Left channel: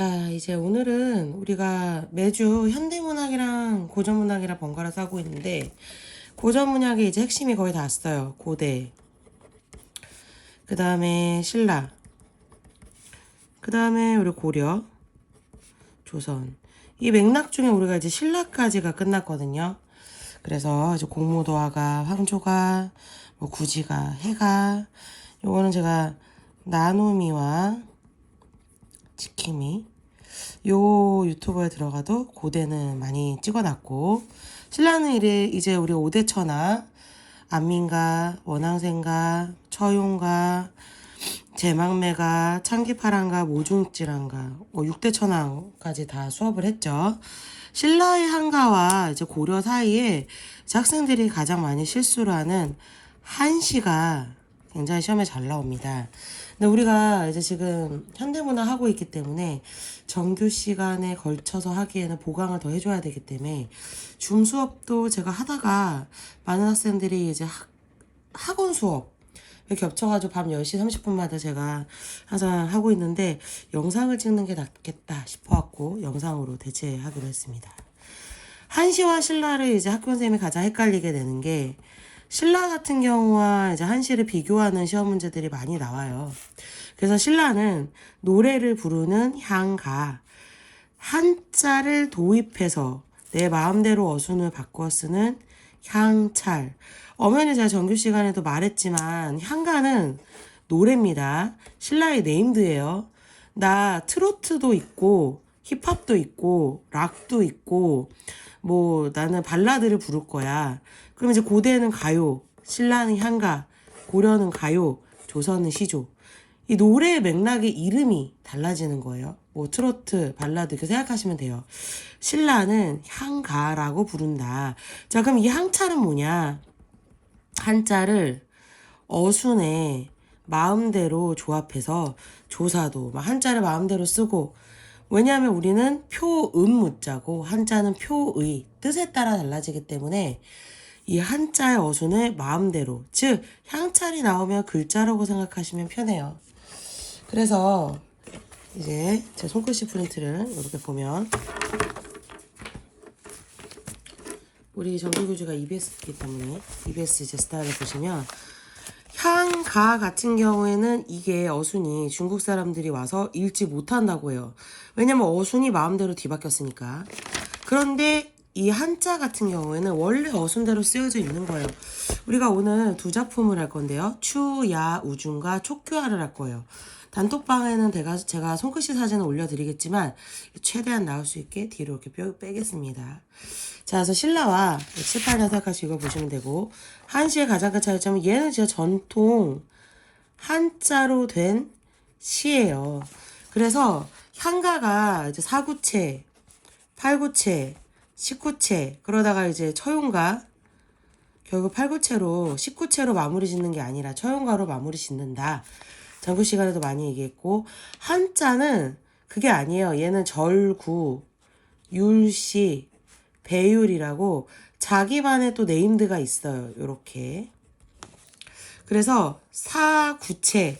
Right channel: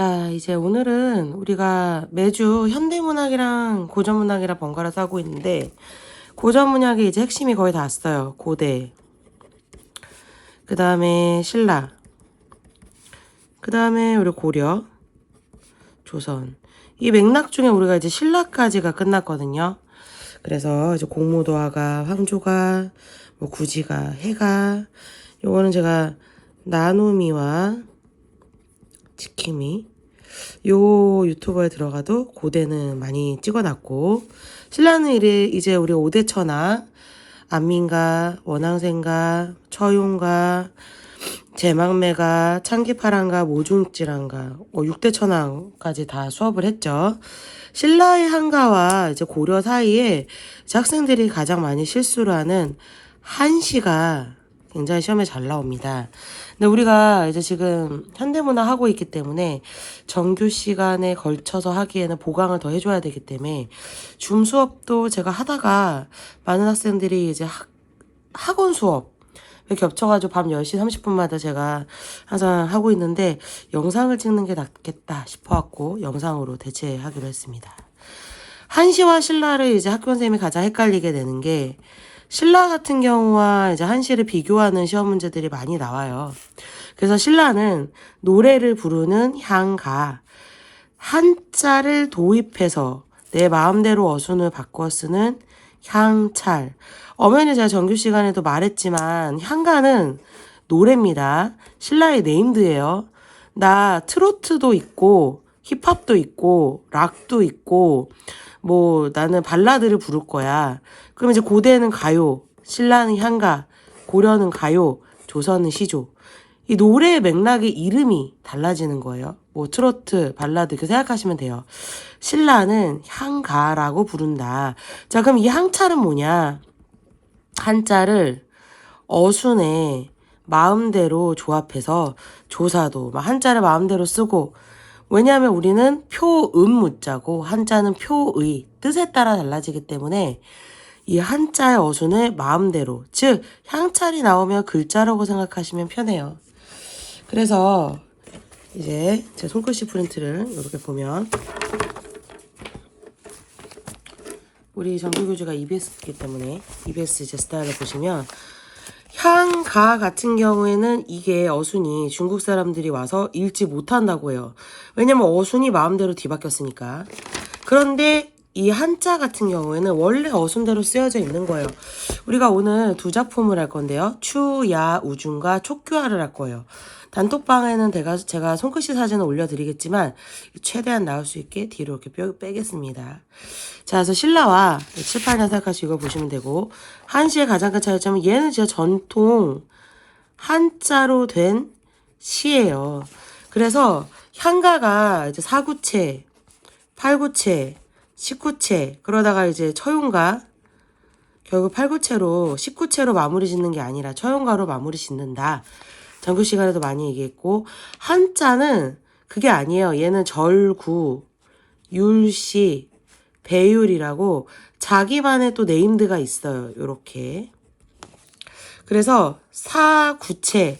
자, 이제 오늘은 우리가 매주 현대문학이랑 고전문학이랑 번갈아서 하고 있는데, 고전문학의 이제 핵심이 거의 다 왔어요. 고대. 그 다음에 신라. 그 다음에 우리 고려. 조선. 이 맥락 중에 우리가 이제 신라까지가 끝났거든요. 그래서 이제 공무도화가, 황조가, 뭐 구지가, 해가. 요거는 제가 나눔이와 지킴이 요 유튜버에 들어가도 고대는 많이 찍어놨고, 신라는 이제 우리 오대천하, 안민가, 원앙생가, 처용가, 제망매가, 창기파랑가, 모중질환가, 6대천왕까지 다 수업을 했죠. 신라의 한가와 이제 고려 사이에 이제 학생들이 가장 많이 실수를 하는 한시가 굉장히 시험에 잘 나옵니다. 근데 우리가 이제 지금 현대문화 하고 있기 때문에 정규 시간에 걸쳐서 하기에는 보강을 더 해줘야 되기 때문에 줌 수업도 제가 하다가 많은 학생들이 이제 학원 수업 겹쳐가지고 밤 10시 30분마다 제가 항상 하고 있는데 영상을 찍는 게 낫겠다 싶어갖고 영상으로 대체하기로 했습니다. 한시와 신라를 이제 학교 선생님이 가장 헷갈리게 되는 게, 신라 같은 경우와 이제 한시를 비교하는 시험 문제들이 많이 나와요. 그래서 신라는 노래를 부르는 향가, 한자를 도입해서 내 마음대로 어순을 바꿔 쓰는 향찰. 엄연히 제가 정규 시간에도 말했지만 향가는 노래입니다. 신라의 네임드예요. 나 트로트도 있고 힙합도 있고 락도 있고 뭐 나는 발라드를 부를 거야. 그럼 이제 고대는 가요, 신라는 향가, 고려는 가요, 조선은 시조. 이 노래의 맥락의 이름이 달라지는 거예요. 뭐 트로트, 발라드 이렇게 생각하시면 돼요. 신라는 향가라고 부른다. 자, 그럼 이 향찰은 뭐냐? 한자를 어순에 마음대로 조합해서 조사도 막 한자를 마음대로 쓰고, 왜냐하면 우리는 표음무자고 한자는 표의, 뜻에 따라 달라지기 때문에 이 한자의 어순을 마음대로, 즉 향찰이 나오면 글자라고 생각하시면 편해요. 그래서 이제 제 손글씨 프린트를 이렇게 보면, 우리 정규교주가 EBS이기 때문에 EBS 제 스타일을 보시면, 향가 같은 경우에는 이게 어순이 중국 사람들이 와서 읽지 못한다고 해요. 왜냐면 어순이 마음대로 뒤바뀌었으니까. 그런데 이 한자 같은 경우에는 원래 어순대로 쓰여져 있는 거예요. 우리가 오늘 두 작품을 할 건데요. 추야우중과 촉규화를 할 거예요. 단톡방에는 제가 손글씨 사진을 올려드리겠지만 최대한 나올 수 있게 뒤로 이렇게 빼겠습니다. 자, 그래서 신라와 7, 8년 생각하시고 보시면 되고, 한시의 가장 큰 차이점은 얘는 진짜 전통 한자로 된 시예요. 그래서 향가가 이제 4구체, 8구체, 19채, 그러다가 이제 처용가, 결국 8구체로 19채로 마무리 짓는 게 아니라 처용가로 마무리 짓는다. 정규 시간에도 많이 얘기했고, 한자는 그게 아니에요. 얘는 절구, 율시, 배율이라고 자기만의 또 네임드가 있어요. 요렇게. 그래서 4구체,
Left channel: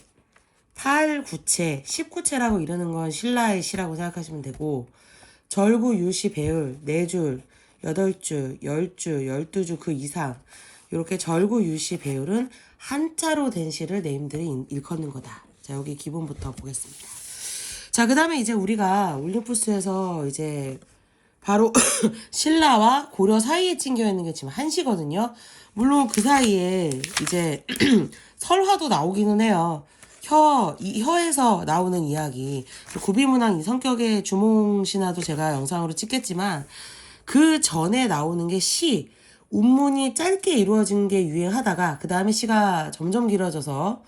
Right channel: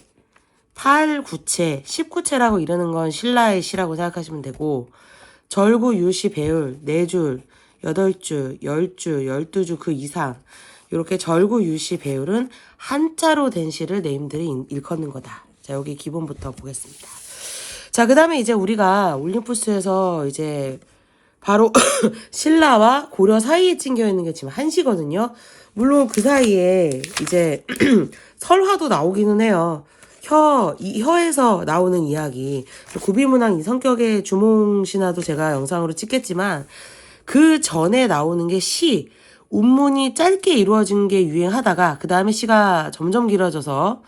8구체, 19채라고 이러는 건 신라의 시라고 생각하시면 되고, 절구, 율시, 배율, 4줄, 8줄, 10줄, 12줄 그 이상, 이렇게 절구, 율시, 배율은 한자로 된 시를 네임들이 일컫는 거다. 자, 여기 기본부터 보겠습니다. 자, 그 다음에 이제 우리가 올림푸스에서 이제 바로 신라와 고려 사이에 찡겨 있는 게 지금 한시거든요. 물론 그 사이에 이제 설화도 나오기는 해요. 혀에서 나오는 이야기. 구비문학 이 성격의 주몽신화도 제가 영상으로 찍겠지만, 그 전에 나오는 게 시, 운문이 짧게 이루어진 게 유행하다가 그 다음에 시가 점점 길어져서,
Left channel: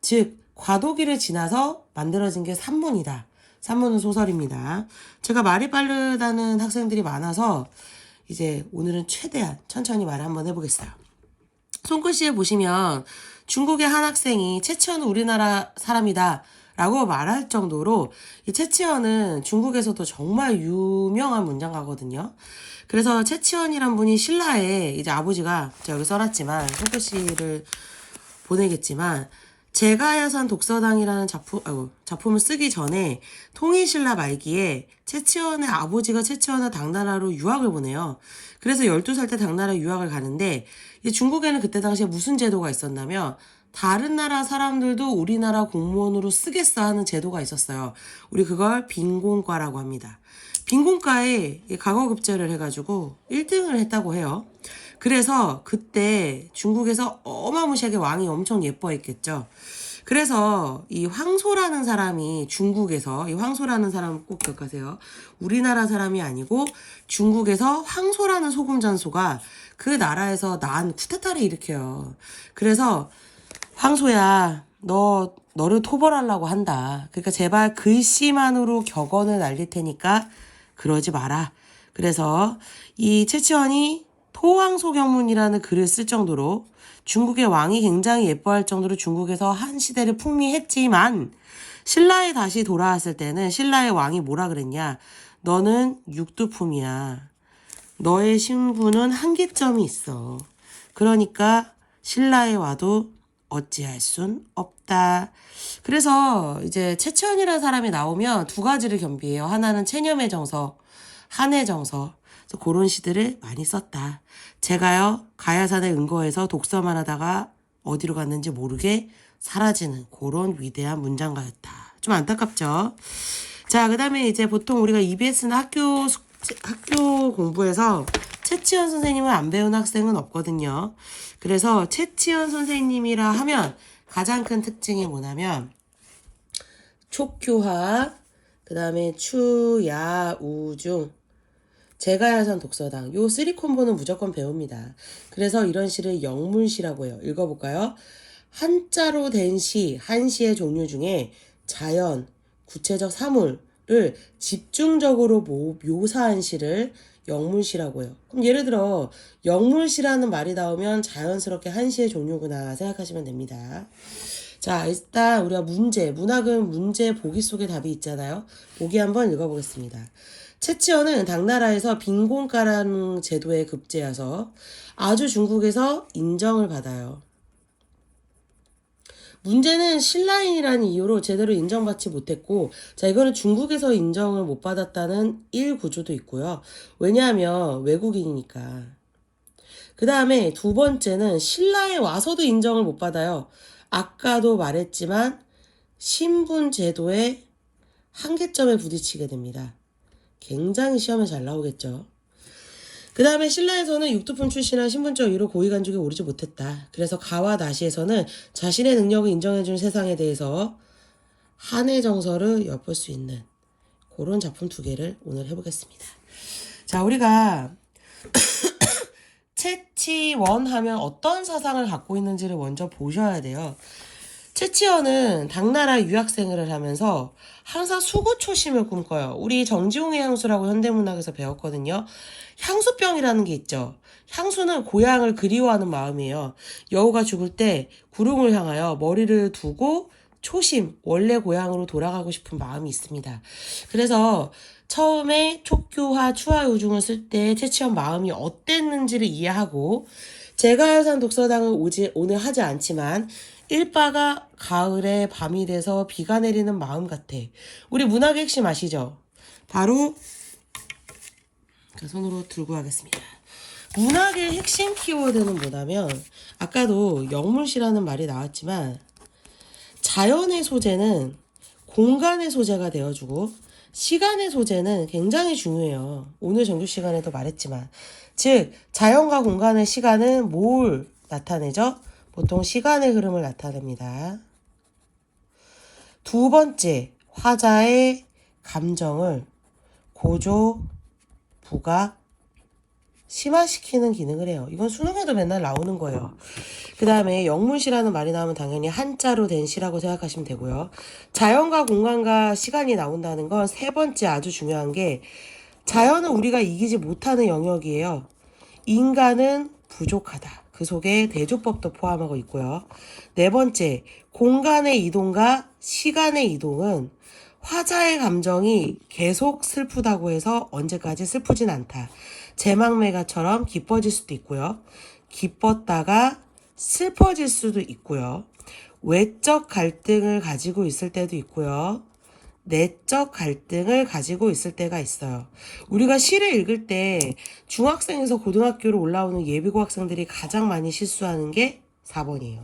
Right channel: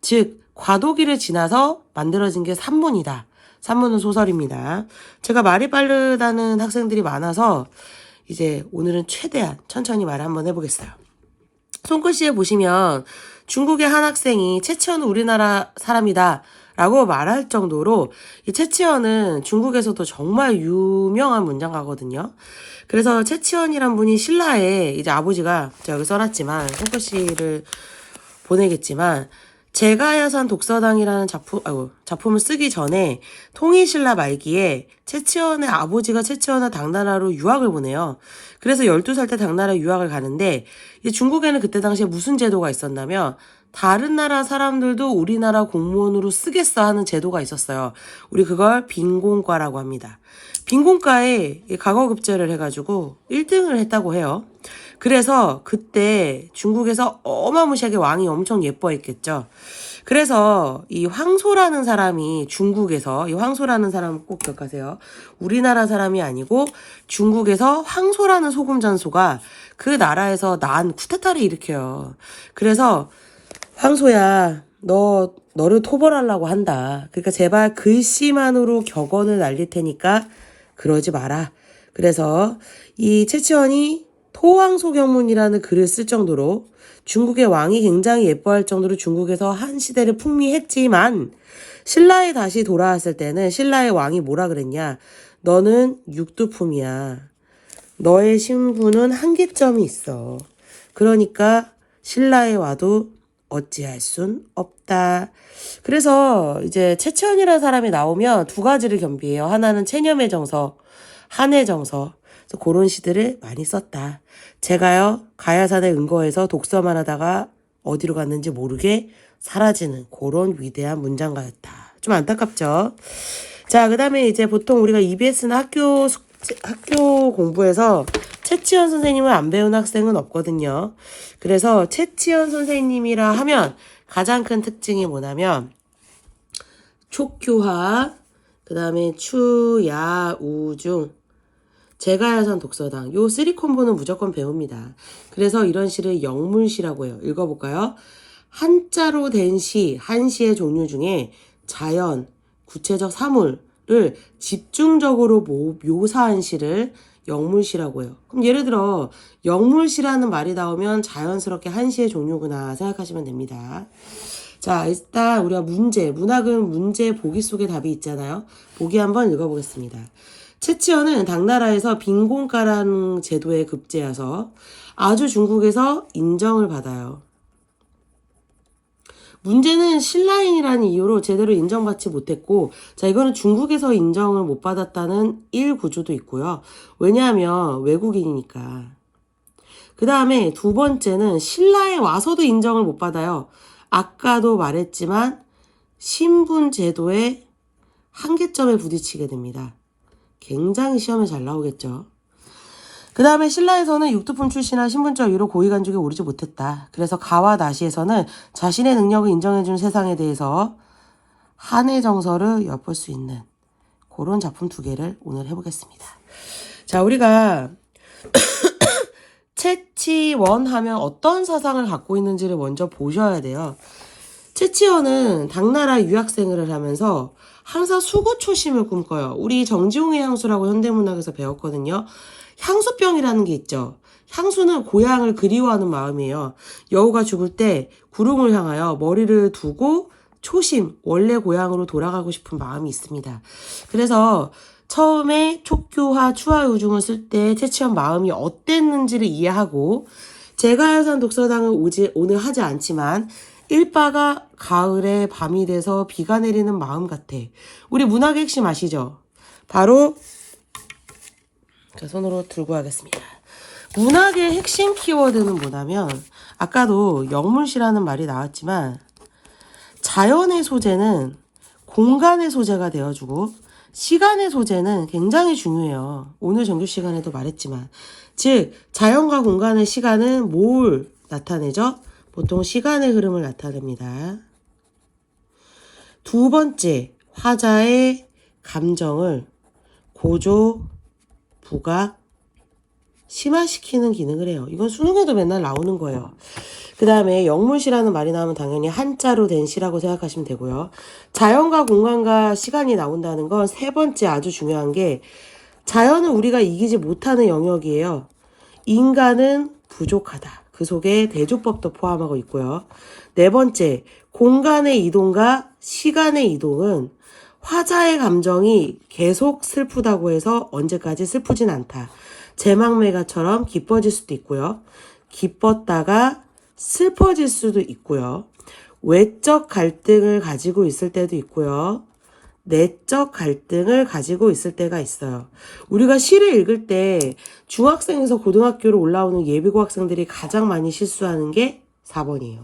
즉 과도기를 지나서 만들어진 게 산문이다. 산문은 소설입니다. 제가 말이 빠르다는 학생들이 많아서 이제 오늘은 최대한 천천히 말을 한번 해보겠어요. 손글씨에 보시면 중국의 한 학생이 채치원은 우리나라 사람이다 라고 말할 정도로, 이 채치원은 중국에서도 정말 유명한 문장가거든요. 그래서 채치원이란 분이 신라의 이제 아버지가, 제가 여기 써놨지만 손글씨를 보내겠지만, 제가야산 독서당이라는 작품을 쓰기 전에 통일신라 말기에 채치원의 아버지가 채치원을 당나라로 유학을 보내요. 그래서 12살 때 당나라 유학을 가는데 중국에는 그때 당시에 무슨 제도가 있었냐면 다른 나라 사람들도 우리나라 공무원으로 쓰겠어 하는 제도가 있었어요. 우리 그걸 빈곤과라고 합니다. 빈곤과에 과거급제를 해가지고 1등을 했다고 해요. 그래서 그때 중국에서 어마무시하게 왕이 엄청 예뻐했겠죠. 그래서 이 황소라는 사람이 중국에서, 이 황소라는 사람을 꼭 기억하세요. 우리나라 사람이 아니고 중국에서 황소라는 소금잔소가 그 나라에서 난 쿠데타를 일으켜요. 그래서 황소야, 너를 토벌하려고 한다. 그러니까 제발 글씨만으로 격언을 날릴 테니까 그러지 마라. 그래서 이 채치원이 토황소경문이라는 글을 쓸 정도로 중국의 왕이 굉장히 예뻐할 정도로 중국에서 한 시대를 풍미했지만 신라에 다시 돌아왔을 때는 신라의 왕이 뭐라 그랬냐. 너는 육두품이야. 너의 신분은 한계점이 있어. 그러니까 신라에 와도 어찌할 순 없다. 그래서 이제 채치원이라는 사람이 나오면 두 가지를 겸비해요. 하나는 체념의 정서, 한의 정서. 그래서 그런 시들을 많이 썼다. 제가요 가야산에 은거해서 독서만 하다가 어디로 갔는지 모르게 사라지는 그런 위대한 문장가였다. 좀 안타깝죠. 자, 그 다음에 이제 보통 우리가 EBS나 학교 공부에서 채치원 선생님을 안 배운 학생은 없거든요. 그래서 채치원 선생님이라 하면 가장 큰 특징이 뭐냐면 촉교화, 그 다음에 추야우중, 제가야산 독서당, 요 3콤보는 무조건 배웁니다. 그래서 이런 시를 영문시라고 해요. 읽어볼까요? 한자로 된 시, 한 시의 종류 중에 자연, 구체적 사물을 집중적으로 묘사한 시를 영문시라고 해요. 그럼 예를 들어 영문시라는 말이 나오면 자연스럽게 한 시의 종류구나 생각하시면 됩니다. 자, 일단 우리가 문학은 문제 보기 속에 답이 있잖아요. 보기 한번 읽어보겠습니다. 채치원은 당나라에서 빈곤가라는 제도에 급제해서 아주 중국에서 인정을 받아요. 문제는 신라인이라는 이유로 제대로 인정받지 못했고, 자, 이거는 중국에서 인정을 못 받았다는 일구조도 있고요. 왜냐하면 외국인이니까. 그 다음에 두 번째는 신라에 와서도 인정을 못 받아요. 아까도 말했지만 신분 제도의 한계점에 부딪히게 됩니다. 굉장히 시험에 잘 나오겠죠. 그 다음에 신라에서는 육두품 출신한 신분적 이유로 고위간직에 오르지 못했다. 그래서 가와 나시에서는 자신의 능력을 인정해준 세상에 대해서 한의 정서를 엿볼 수 있는 그런 작품 두 개를 오늘 해보겠습니다. 자, 우리가 채치원 하면 어떤 사상을 갖고 있는지를 먼저 보셔야 돼요. 채치원은 당나라 유학생활을 하면서 항상 수구초심을 꿈꿔요. 우리 정지홍의 향수라고 현대문학에서 배웠거든요. 향수병이라는 게 있죠. 향수는 고향을 그리워하는 마음이에요. 여우가 죽을 때 구름을 향하여 머리를 두고 초심, 원래 고향으로 돌아가고 싶은 마음이 있습니다. 그래서 처음에 촉교화, 추하유중을 쓸 때 채치원 마음이 어땠는지를 이해하고 제가야산 독서당을 오늘 하지 않지만 일바가 가을에 밤이 돼서 비가 내리는 마음 같아. 우리 문학의 핵심 아시죠? 바로 손으로 들고 하겠습니다. 문학의 핵심 키워드는 뭐냐면 아까도 영문시라는 말이 나왔지만 자연의 소재는 공간의 소재가 되어주고 시간의 소재는 굉장히 중요해요. 오늘 정규 시간에도 말했지만 즉 자연과 공간의 시간은 뭘 나타내죠? 보통 시간의 흐름을 나타냅니다. 두 번째, 화자의 감정을 고조, 부각, 심화시키는 기능을 해요. 이건 수능에도 맨날 나오는 거예요. 그 다음에 영문시라는 말이 나오면 당연히 한자로 된 시라고 생각하시면 되고요. 자연과 공간과 시간이 나온다는 건 세 번째 아주 중요한 게 자연은 우리가 이기지 못하는 영역이에요. 인간은 부족하다. 그 속에 대조법도 포함하고 있고요. 네 번째, 공간의 이동과 시간의 이동은 화자의 감정이 계속 슬프다고 해서 언제까지 슬프진 않다. 제망매가처럼 기뻐질 수도 있고요. 기뻤다가 슬퍼질 수도 있고요. 외적 갈등을 가지고 있을 때도 있고요. 내적 갈등을 가지고 있을 때가 있어요. 우리가 시를 읽을 때 중학생에서 고등학교로 올라오는 예비고 학생들이 가장 많이 실수하는 게 4번이에요.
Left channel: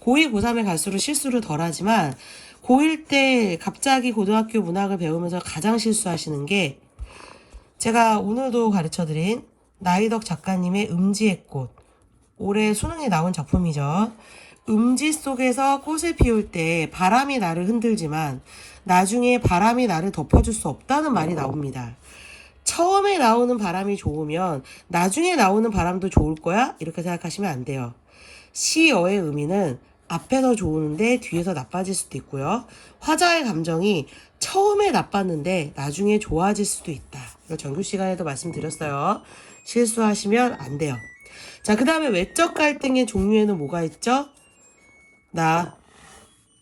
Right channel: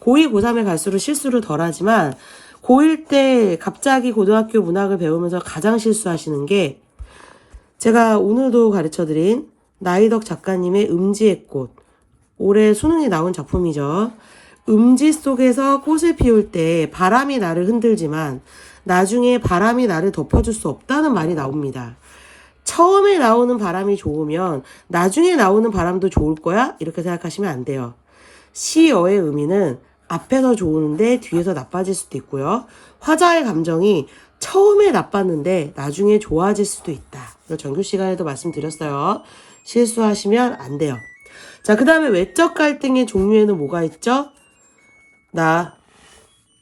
고2, 고3에 갈수록 실수를 덜 하지만 고1 때 갑자기 고등학교 문학을 배우면서 가장 실수하시는 게 제가 오늘도 가르쳐드린 나이덕 작가님의 음지의 꽃. 올해 수능에 나온 작품이죠. 음지 속에서 꽃을 피울 때 바람이 나를 흔들지만 나중에 바람이 나를 덮어줄 수 없다는 말이 나옵니다. 처음에 나오는 바람이 좋으면 나중에 나오는 바람도 좋을 거야? 이렇게 생각하시면 안 돼요. 시어의 의미는 앞에서 좋은데 뒤에서 나빠질 수도 있고요. 화자의 감정이 처음에 나빴는데 나중에 좋아질 수도 있다. 이거 전교 시간에도 말씀드렸어요. 실수하시면 안 돼요. 자, 그 다음에 외적 갈등의 종류에는 뭐가 있죠? 나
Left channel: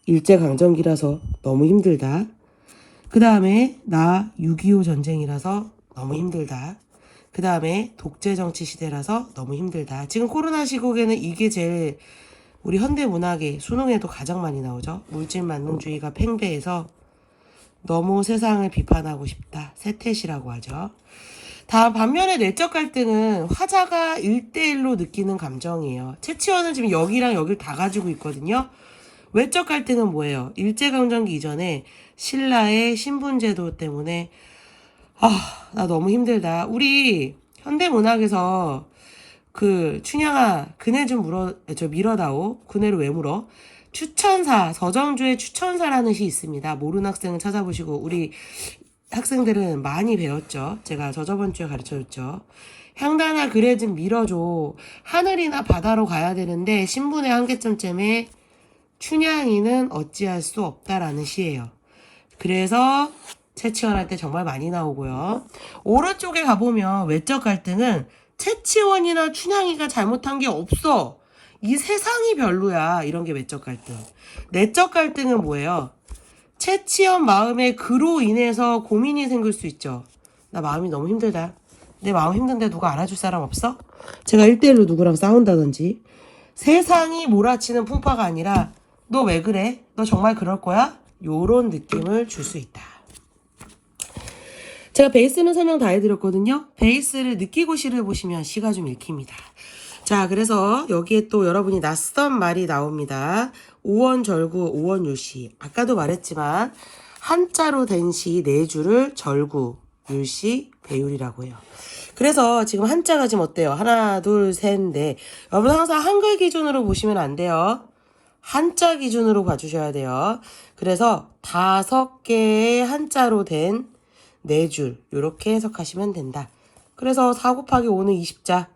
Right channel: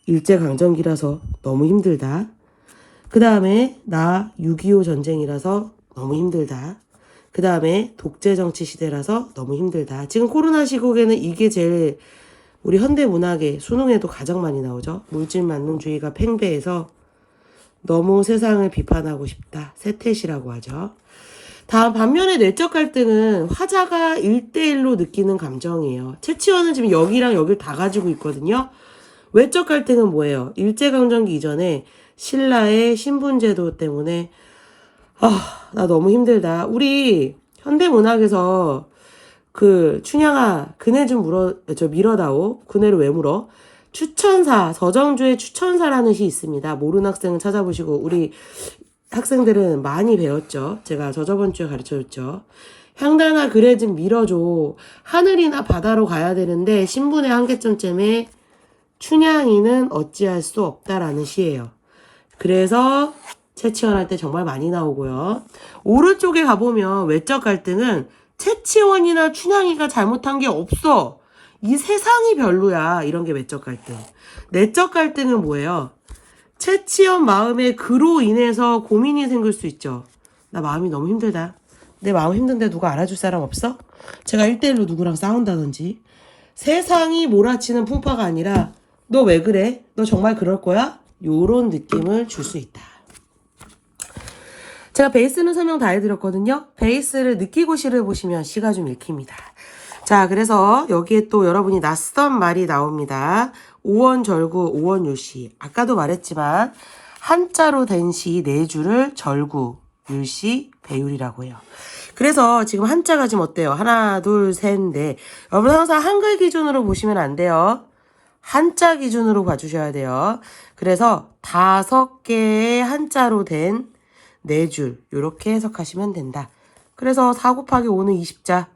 일제강점기라서 너무 힘들다. 그 다음에 나 6.25 전쟁이라서 너무 힘들다. 그 다음에 독재정치 시대라서 너무 힘들다. 지금 코로나 시국에는 이게 제일 우리 현대문학의 수능에도 가장 많이 나오죠. 물질만능주의가 팽배해서 너무 세상을 비판하고 싶다. 세태시라고 하죠. 다음 반면에 내적 갈등은 화자가 1대1로 느끼는 감정이에요. 채치원은 지금 여기랑 여기를 다 가지고 있거든요. 외적 갈등은 뭐예요? 일제강점기 이전에 신라의 신분제도 때문에 나 너무 힘들다. 우리 현대문학에서 그 춘향아 그네 좀 밀어다오. 그네를 왜 물어? 추천사, 서정주의 추천사라는 시 있습니다. 모르는 학생은 찾아보시고 우리 학생들은 많이 배웠죠. 제가 저번 주에 가르쳐줬죠. 향단아 그래 좀 밀어줘. 하늘이나 바다로 가야 되는데 신분의 한계점 때문에 춘향이는 어찌할 수 없다라는 시예요. 그래서 채치원 할 때 정말 많이 나오고요. 오른쪽에 가보면 외적 갈등은 채치원이나 춘향이가 잘못한 게 없어. 이 세상이 별로야. 이런 게 외적 갈등. 내적 갈등은 뭐예요? 채치원 마음에 그로 인해서 고민이 생길 수 있죠. 나 마음이 너무 힘들다. 내 마음 힘든데 누가 알아줄 사람 없어? 제가 1대1로 누구랑 싸운다든지. 세상이 몰아치는 풍파가 아니라 너 왜 그래? 너 정말 그럴 거야? 요런 느낌을 줄 수 있다. 제가 베이스는 설명 다 해드렸거든요. 베이스를 느끼고 시를 보시면 시가 좀 읽힙니다. 자, 그래서 여기에 또 여러분이 낯선 말이 나옵니다. 오원절구, 오원율시. 아까도 말했지만 한자로 된 시 4줄을 절구, 율시, 배율이라고 해요. 그래서 지금 한자가 지금 어때요? 하나, 둘, 셋, 넷. 여러분 항상 한글 기준으로 보시면 안 돼요. 한자 기준으로 봐주셔야 돼요. 그래서 5개의 한자로 된 4줄 이렇게 해석하시면 된다. 그래서 4 곱하기 5는 20자.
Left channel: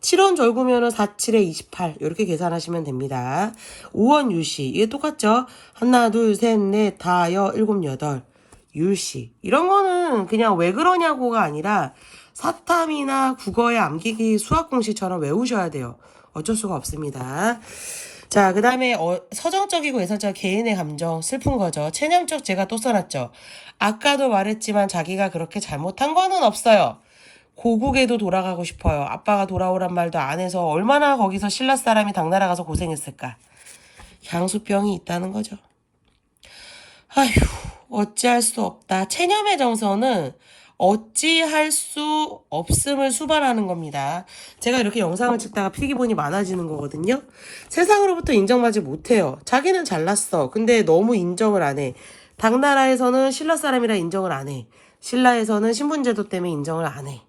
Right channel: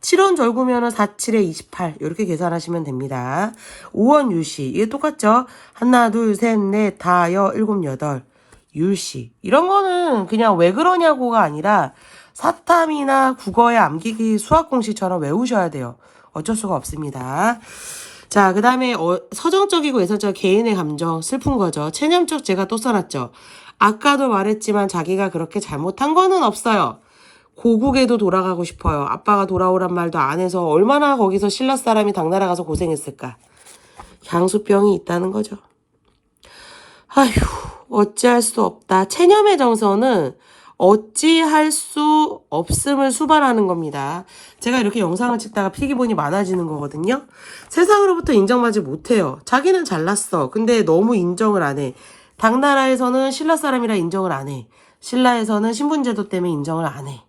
7원 절구면 4, 7에 28 이렇게 계산하시면 됩니다. 5원 율시 이게 똑같죠? 하나, 둘, 셋, 넷, 다, 여, 일곱, 여덟. 율시 이런 거는 그냥 왜 그러냐고가 아니라 사탐이나 국어의 암기기 수학 공식처럼 외우셔야 돼요. 어쩔 수가 없습니다. 자, 그 다음에 서정적이고 예선적 개인의 감정 슬픈 거죠. 체념적 제가 또 써놨죠. 아까도 말했지만 자기가 그렇게 잘못한 거는 없어요. 고국에도 돌아가고 싶어요. 아빠가 돌아오란 말도 안 해서 얼마나 거기서 신라 사람이 당나라 가서 고생했을까. 향수병이 있다는 거죠. 아휴, 어찌할 수 없다. 체념의 정서는 어찌할 수 없음을 수반하는 겁니다. 제가 이렇게 영상을 찍다가 필기본이 많아지는 거거든요. 세상으로부터 인정받지 못해요. 자기는 잘났어. 근데 너무 인정을 안 해. 당나라에서는 신라 사람이라 인정을 안 해. 신라에서는 신분제도 때문에 인정을 안 해.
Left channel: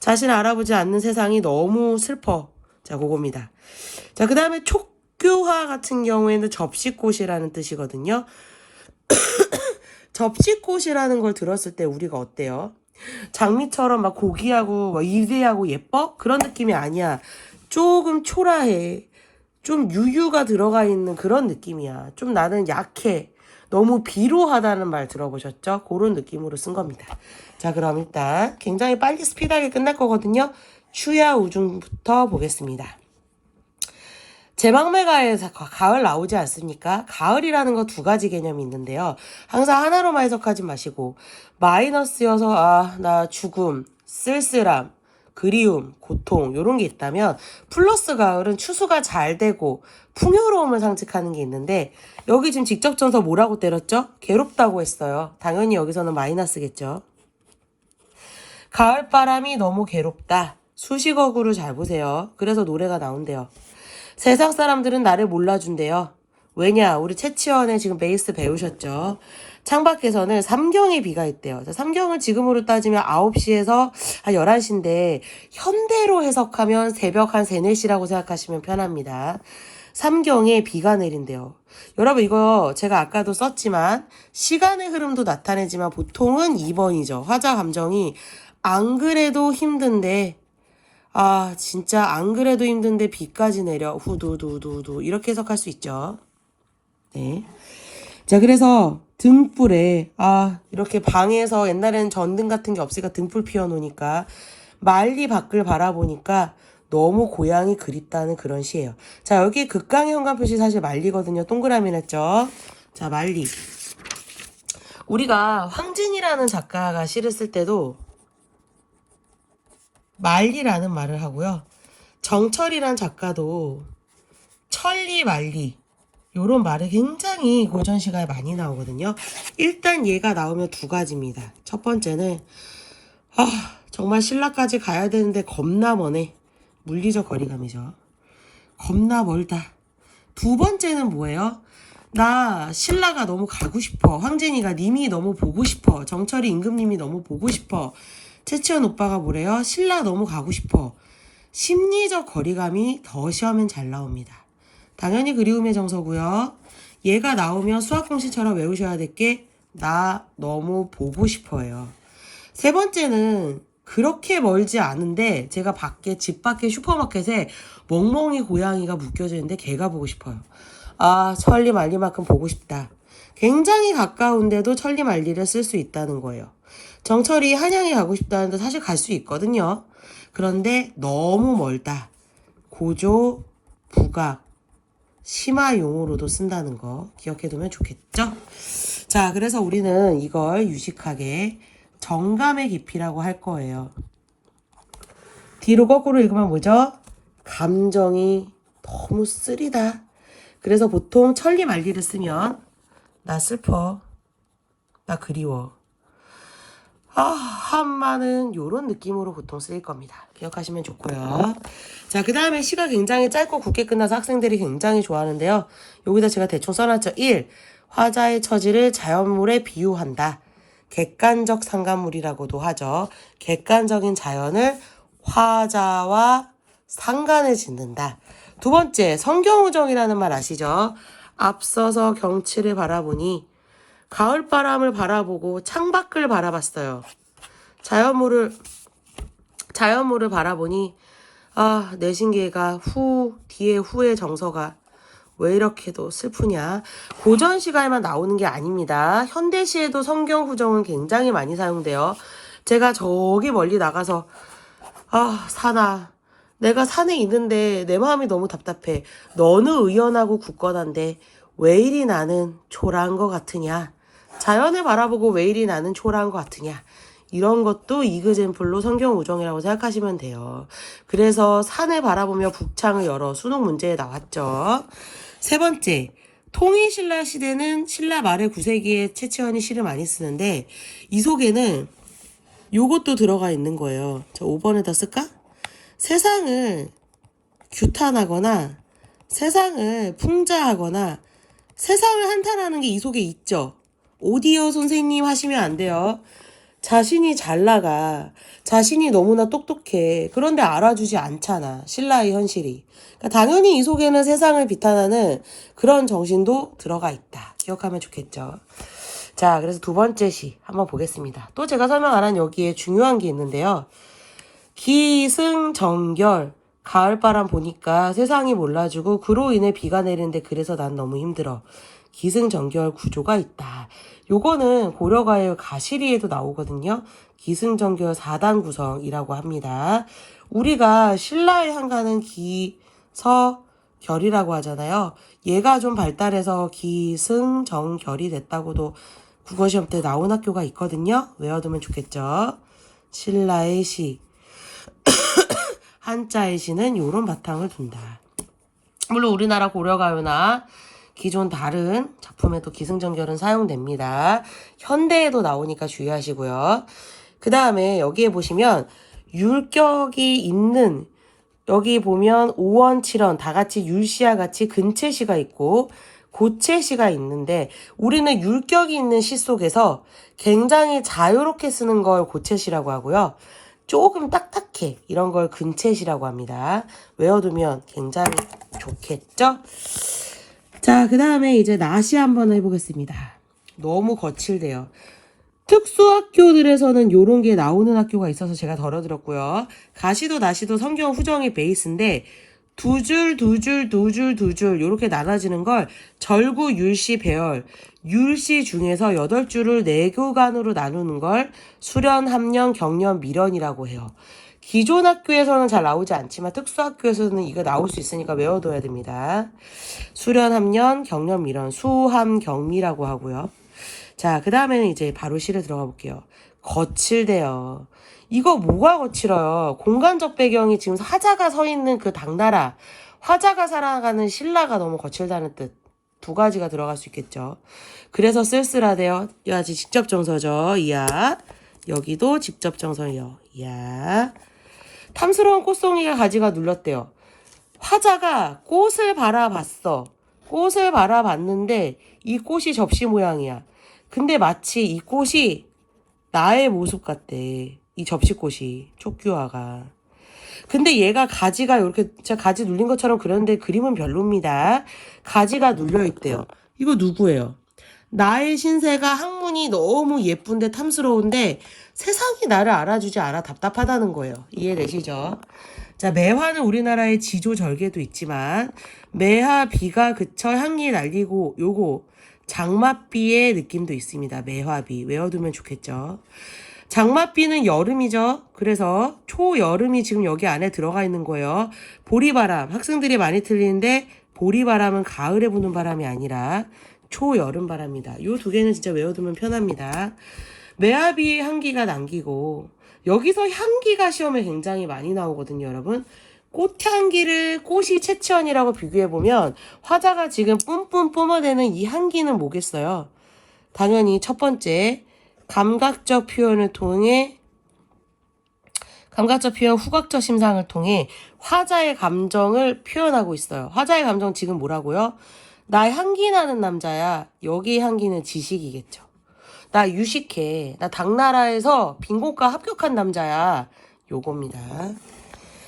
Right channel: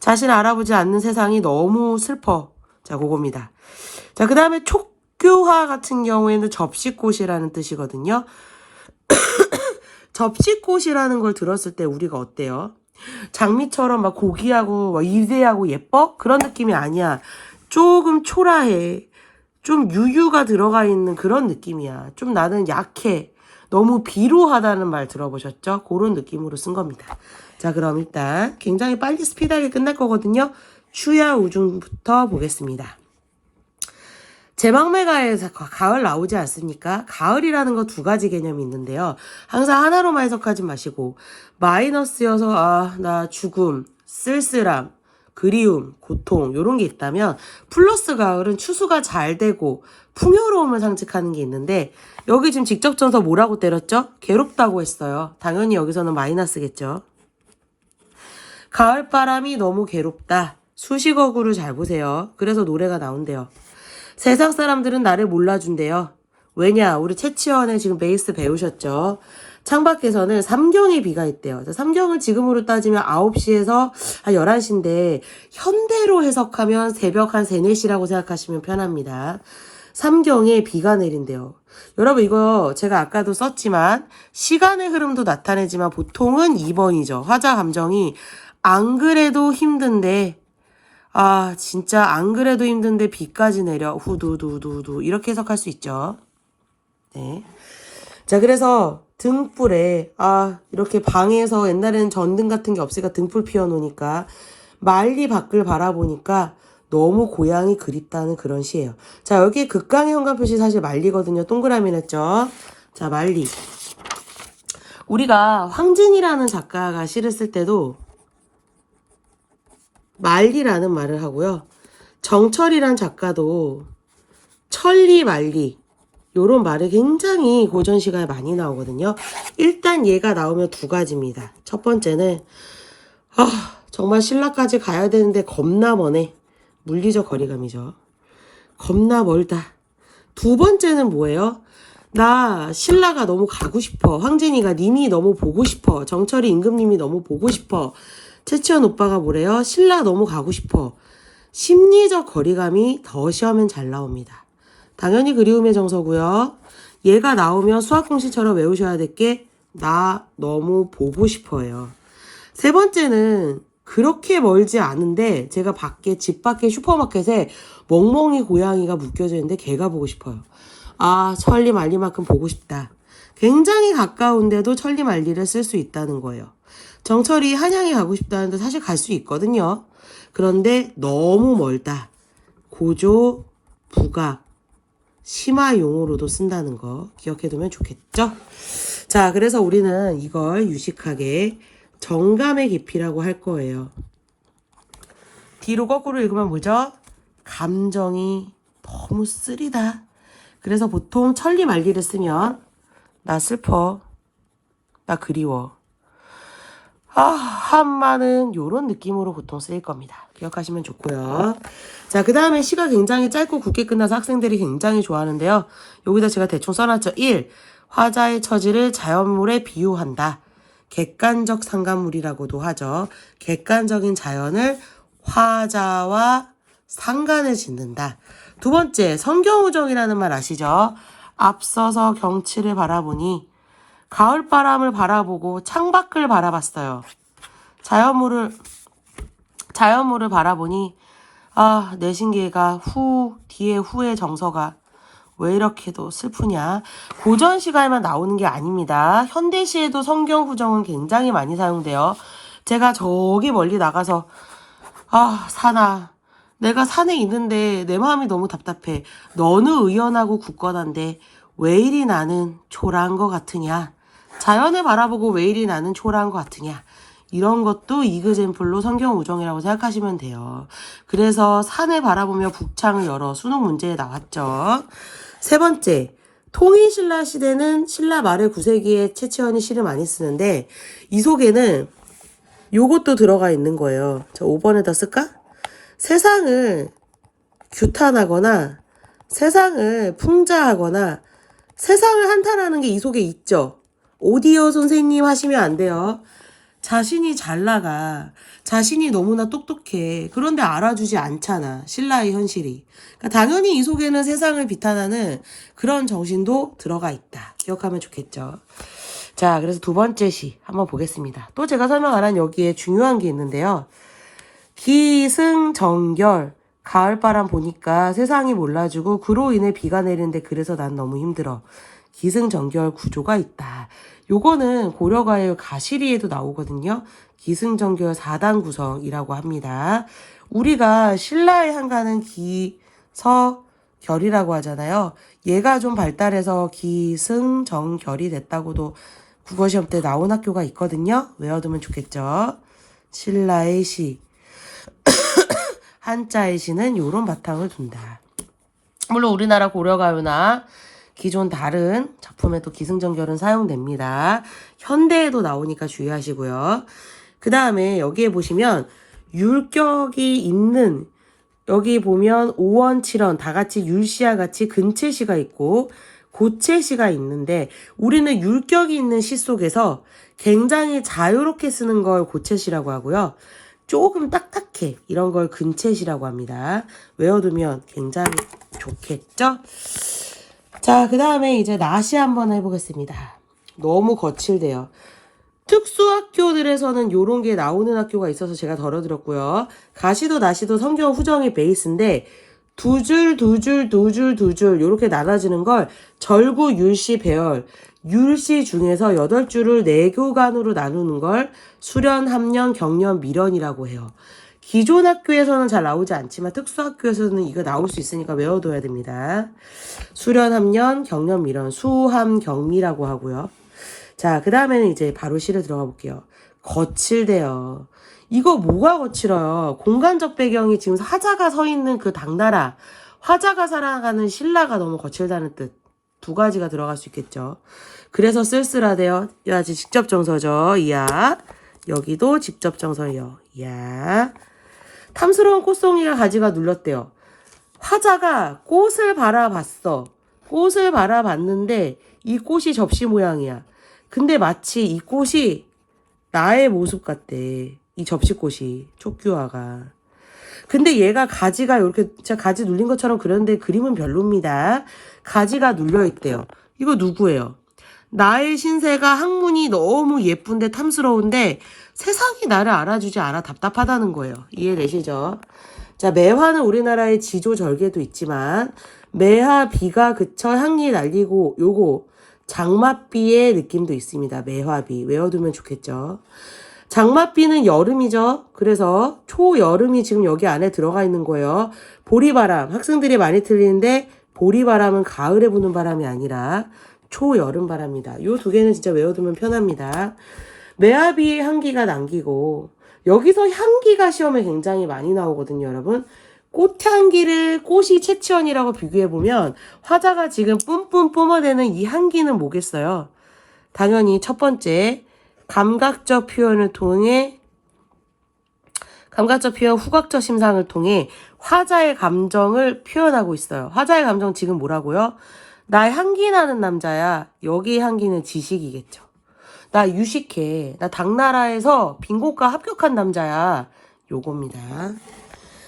자신을 알아보지 않는 세상이 너무 슬퍼. 자, 그겁니다. 자, 그 다음에 촉교화 같은 경우에는 접시꽃이라는 뜻이거든요. 접시꽃이라는 걸 들었을 때 우리가 어때요? 장미처럼 막 고귀하고 막 이대하고 예뻐? 그런 느낌이 아니야. 조금 초라해. 좀 유유가 들어가 있는 그런 느낌이야. 좀 나는 약해. 너무 비루하다는 말 들어보셨죠? 그런 느낌으로 쓴 겁니다. 자, 그럼 일단 굉장히 빨리 스피드하게 끝날 거거든요. 추야 우중부터 보겠습니다. 제방매가에서 가을 나오지 않습니까? 가을이라는 거 2가지 개념이 있는데요. 항상 하나로만 해석하지 마시고 마이너스여서 나 죽음, 쓸쓸함, 그리움, 고통 이런 게 있다면 플러스 가을은 추수가 잘 되고 풍요로움을 상징하는 게 있는데 여기 지금 직접전서 뭐라고 때렸죠? 괴롭다고 했어요. 당연히 여기서는 마이너스겠죠. 가을바람이 너무 괴롭다. 수식어구를 잘 보세요. 그래서 노래가 나온대요. 세상 사람들은 나를 몰라준대요. 왜냐? 우리 채치원에 지금 베이스 배우셨죠? 창밖에서는 삼경의 비가 있대요. 삼경은 지금으로 따지면 9시에서 한 11시인데 현대로 해석하면 새벽 한 3, 4시라고 생각하시면 편합니다. 삼경에 비가 내린대요. 여러분 이거 제가 아까도 썼지만 시간의 흐름도 나타내지만 보통은 2번이죠. 화자 감정이 안 그래도 힘든데 진짜 안 그래도 힘든데 비까지 내려 후두두두두 이렇게 해석할 수 있죠. 네. 자 그래서 등불에 이렇게 방에서 옛날에는 전등 같은 게 없으니까 등불 피워놓으니까 말리 밖을 바라보니까 너무 고향이 그립다는 그런 시예요. 자 여기 극강의 현관 표시 사실 말리거든요. 동그라미 냈죠. 자 말리. 우리가 황진이라는 작가가 시를 쓸 때도 말리라는 말을 하고요. 정철이란 작가도 천리 말리 요런 말이 굉장히 고전시가에 많이 나오거든요. 일단 얘가 나오면 두 가지입니다. 첫 번째는 정말 신라까지 가야 되는데 겁나 머네. 물리적 거리감이죠. 겁나 멀다. 두 번째는 뭐예요? 나 신라가 너무 가고 싶어. 황진이가 님이 너무 보고 싶어. 정철이 임금님이 너무 보고 싶어. 채치원 오빠가 뭐래요? 신라 너무 가고 싶어. 심리적 거리감이 더 시험엔 잘 나옵니다. 당연히 그리움의 정서고요. 얘가 나오면 수학공식처럼 외우셔야 될 게 나 너무 보고 싶어요. 세 번째는 그렇게 멀지 않은데 제가 집 밖에 슈퍼마켓에 멍멍이 고양이가 묶여져 있는데 걔가 보고 싶어요. 천리 말리만큼 보고 싶다. 굉장히 가까운데도 천리 말리를 쓸 수 있다는 거예요. 정철이 한양에 가고 싶다는데 사실 갈 수 있거든요. 그런데 너무 멀다. 고조, 부각, 심화 용어로도 쓴다는 거 기억해두면 좋겠죠? 자, 그래서 우리는 이걸 유식하게 정감의 깊이라고 할 거예요. 뒤로 거꾸로 읽으면 뭐죠? 감정이 너무 쓰리다. 그래서 보통 천리 말리를 쓰면 나 슬퍼, 나 그리워. 한마는 요런 느낌으로 보통 쓰일 겁니다. 기억하시면 좋고요. 자, 그 다음에 시가 굉장히 짧고 굵게 끝나서 학생들이 굉장히 좋아하는데요. 여기다 제가 대충 써놨죠. 1. 화자의 처지를 자연물에 비유한다. 객관적 상관물이라고도 하죠. 객관적인 자연을 화자와 상관을 짓는다. 두 번째, 성경우정이라는 말 아시죠? 앞서서 경치를 바라보니 가을바람을 바라보고 창밖을 바라봤어요. 자연물을 바라보니 내신기가 뒤에 후의 정서가 왜 이렇게도 슬프냐. 고전 시가에만 나오는 게 아닙니다. 현대시에도 성경후정은 굉장히 많이 사용돼요. 제가 저기 멀리 나가서 산아 내가 산에 있는데 내 마음이 너무 답답해. 너는 의연하고 굳건한데 왜 이리 나는 초라한 것 같으냐. 자연을 바라보고 왜 이리 나는 초라한 것 같으냐. 이런 것도 이그젠플로 성경우정이라고 생각하시면 돼요. 그래서 산을 바라보며 북창을 열어 수능 문제에 나왔죠. 세 번째, 통일신라 시대는 신라 말의 9세기에 채치원이 시를 많이 쓰는데 이 속에는 요것도 들어가 있는 거예요. 자, 5번에다 쓸까? 세상을 규탄하거나 세상을 풍자하거나 세상을 한탄하는 게 이 속에 있죠. 오디오 선생님 하시면 안 돼요. 자신이 잘 나가. 자신이 너무나 똑똑해. 그런데 알아주지 않잖아. 신라의 현실이. 그러니까 당연히 이 속에는 세상을 비탄하는 그런 정신도 들어가 있다. 기억하면 좋겠죠. 자, 그래서 두 번째 시 한번 보겠습니다. 또 제가 설명 안 한 여기에 중요한 게 있는데요. 기승전결. 가을바람 보니까 세상이 몰라주고 그로 인해 비가 내리는데 그래서 난 너무 힘들어. 기승전결 구조가 있다. 요거는 고려가요 가시리에도 나오거든요. 기승전결 4단 구성이라고 합니다. 우리가 신라에 향하는 기서결이라고 하잖아요. 얘가 좀 발달해서 기승전결이 됐다고도 국어시험 때 나온 학교가 있거든요. 외워두면 좋겠죠. 신라의 시 한자의 시는 요런 바탕을 둔다. 물론 우리나라 고려가요나 기존 다른 작품에도 기승전결은 사용됩니다. 현대에도 나오니까 주의하시고요. 그 다음에 여기에 보시면 율격이 있는, 여기 보면 5원, 7원 다 같이 율시와 같이 근체시가 있고 고체시가 있는데, 우리는 율격이 있는 시 속에서 굉장히 자유롭게 쓰는 걸 고체시라고 하고요. 조금 딱딱해, 이런 걸 근체시라고 합니다. 외워두면 굉장히 좋겠죠? 자, 그 다음에 이제 나시 한번 해보겠습니다. 너무 거칠대요. 특수학교들에서는 요런 게 나오는 학교가 있어서 제가 덜어드렸고요. 가시도 나시도 성경 후정이 베이스인데 두 줄, 두 줄, 두 줄, 두 줄 요렇게 나눠지는 걸 절구, 율시, 배열, 율시 중에서 8줄을 4교간으로 나누는 걸 수련, 함련, 경련, 미련이라고 해요. 기존 학교에서는 잘 나오지 않지만 특수학교에서는 이거 나올 수 있으니까 외워둬야 됩니다. 수련, 함련, 경련, 미련, 수함, 경미라고 하고요. 자, 그 다음에는 이제 바로 시를 들어가 볼게요. 거칠대요. 이거 뭐가 거칠어요? 공간적 배경이 지금 화자가 서 있는 그 당나라, 화자가 살아가는 신라가 너무 거칠다는 뜻. 두 가지가 들어갈 수 있겠죠. 그래서 쓸쓸하대요. 아직 직접 정서죠. 이야. 여기도 직접 정서예요. 이야. 탐스러운 꽃송이가 가지가 눌렸대요. 화자가 꽃을 바라봤어. 꽃을 바라봤는데 이 꽃이 접시 모양이야. 근데 마치 이 꽃이 나의 모습 같대. 이 접시꽃이, 촉규화가. 근데 얘가 가지가 이렇게 제가 가지 눌린 것처럼 그렸는데 그림은 별로입니다. 가지가 눌려있대요. 이거 누구예요? 나의 신세가 학문이 너무 예쁜데 탐스러운데 세상이 나를 알아주지 않아 답답하다는 거예요. 이해되시죠? 자, 매화는 우리나라의 지조절개도 있지만 매화 비가 그쳐 향기 날리고 요거 장맛비의 느낌도 있습니다. 매화비 외워두면 좋겠죠. 장맛비는 여름이죠. 그래서 초여름이 지금 여기 안에 들어가 있는 거예요. 보리바람, 학생들이 많이 틀리는데 보리바람은 가을에 부는 바람이 아니라 초여름 바람이다. 요 두 개는 진짜 외워두면 편합니다. 매화비의 향기가 남기고, 여기서 향기가 시험에 굉장히 많이 나오거든요, 여러분. 꽃향기를 꽃이 채취원이라고 비교해보면 화자가 지금 뿜뿜 뿜어내는 이 향기는 뭐겠어요? 당연히 첫 번째, 감각적 표현, 후각적 심상을 통해 화자의 감정을 표현하고 있어요. 화자의 감정 지금 뭐라고요? 나 향기 나는 남자야. 여기 향기는 지식이겠죠. 나 유식해. 나 당나라에서 빈곤과 합격한 남자야. 요겁니다.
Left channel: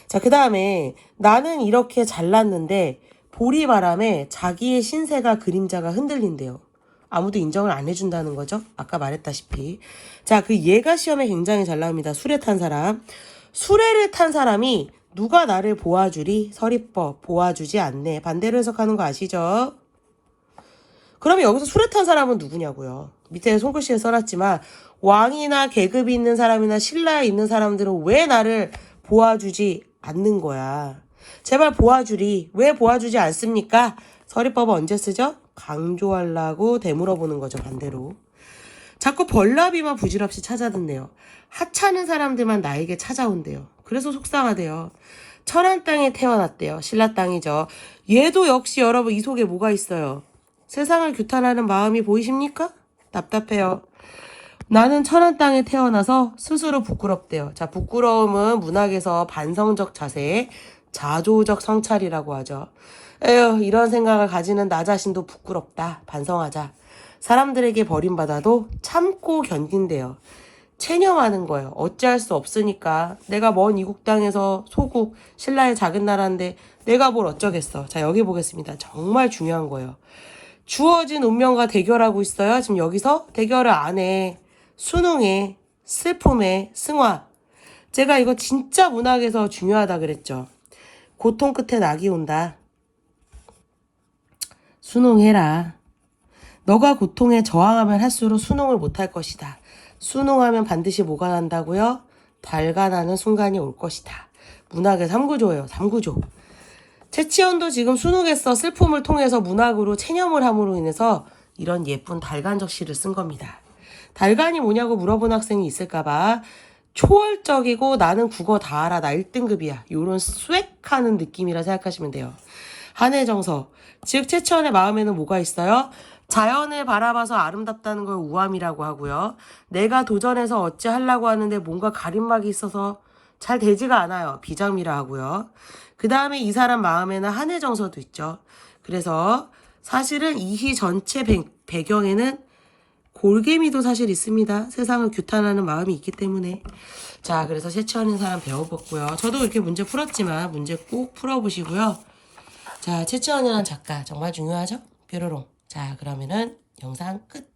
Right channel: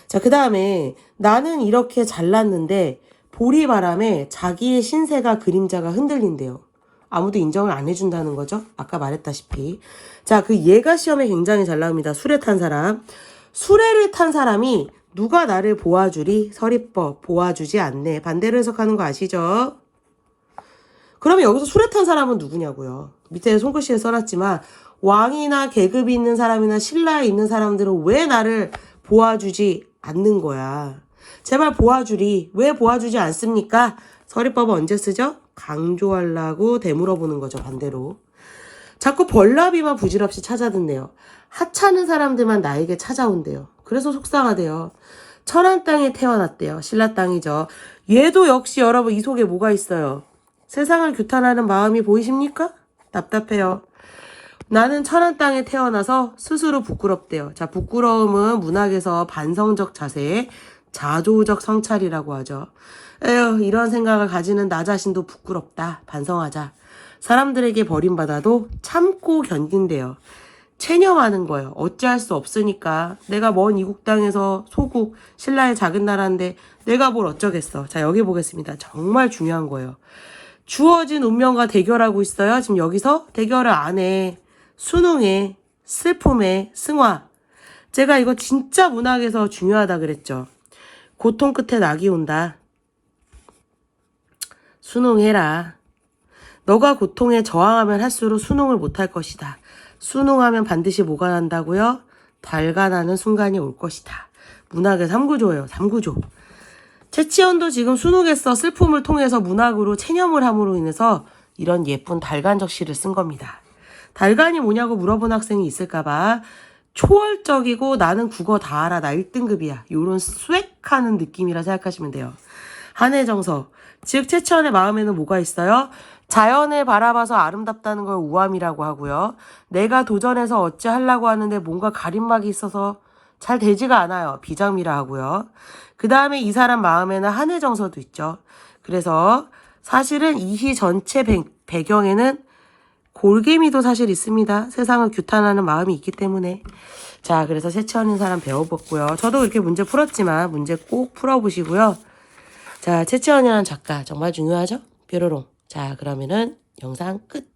자, 그 다음에 나는 이렇게 잘났는데 보리바람에 자기의 신세가 그림자가 흔들린대요. 아무도 인정을 안 해준다는 거죠. 아까 말했다시피. 자, 그 얘가 시험에 굉장히 잘 나옵니다. 수레 탄 사람. 수레를 탄 사람이 누가 나를 보아주리? 서리법. 보아주지 않네. 반대로 해석하는 거 아시죠? 그러면 여기서 수레 탄 사람은 누구냐고요. 밑에 손글씨에 써놨지만 왕이나 계급이 있는 사람이나 신라에 있는 사람들은 왜 나를 보아주지 않는 거야. 제발 보아주리. 왜 보아주지 않습니까? 서리법은 언제 쓰죠? 강조하려고 되물어보는 거죠. 반대로. 자꾸 벌나비만 부질없이 찾아듣네요. 하찮은 사람들만 나에게 찾아온대요. 그래서 속상하대요. 천안 땅에 태어났대요. 신라 땅이죠. 얘도 역시 여러분 이 속에 뭐가 있어요? 세상을 규탄하는 마음이 보이십니까? 답답해요. 나는 천안 땅에 태어나서 스스로 부끄럽대요. 자, 부끄러움은 문학에서 반성적 자세, 자조적 성찰이라고 하죠. 에휴, 이런 생각을 가지는 나 자신도 부끄럽다. 반성하자. 사람들에게 버림받아도 참고 견딘대요. 체념하는 거예요. 어찌할 수 없으니까. 내가 먼 이국 땅에서 소국, 신라의 작은 나라인데 내가 뭘 어쩌겠어. 자, 여기 보겠습니다. 정말 중요한 거예요. 주어진 운명과 대결하고 있어요. 지금 여기서 대결을 안 해. 수능에, 슬픔에, 승화. 제가 이거 진짜 문학에서 중요하다 그랬죠. 고통 끝에 낙이 온다. 수능해라. 너가 고통에 저항하면 할수록 수능을 못할 것이다. 수능하면 반드시 뭐가 난다고요? 발간하는 순간이 올 것이다. 문학의 3구조예요. 3구조. 채치원도 지금 수능에서 슬픔을 통해서 문학으로 체념을 함으로 인해서 이런 예쁜 달간적 시를 쓴 겁니다. 달간이 뭐냐고 물어본 학생이 있을까봐 초월적이고 나는 국어 다 알아. 나 1등급이야. 이런 스웩하는 느낌이라 생각하시면 돼요. 한해 정서. 즉 최치원의 마음에는 뭐가 있어요? 자연을 바라봐서 아름답다는 걸 우함이라고 하고요. 내가 도전해서 어찌 하려고 하는데 뭔가 가림막이 있어서 잘 되지가 않아요. 비장미라 하고요. 그 다음에 이 사람 마음에는 한해 정서도 있죠. 그래서 사실은 이희 전체 배경에는 골개미도 사실 있습니다. 세상을 규탄하는 마음이 있기 때문에. 자, 그래서 채취하는 사람 배워봤고요. 저도 이렇게 문제 풀었지만 문제 꼭 풀어보시고요. 자, 채취원이라는 작가 정말 중요하죠? 뾰로롱. 자, 그러면은 영상 끝.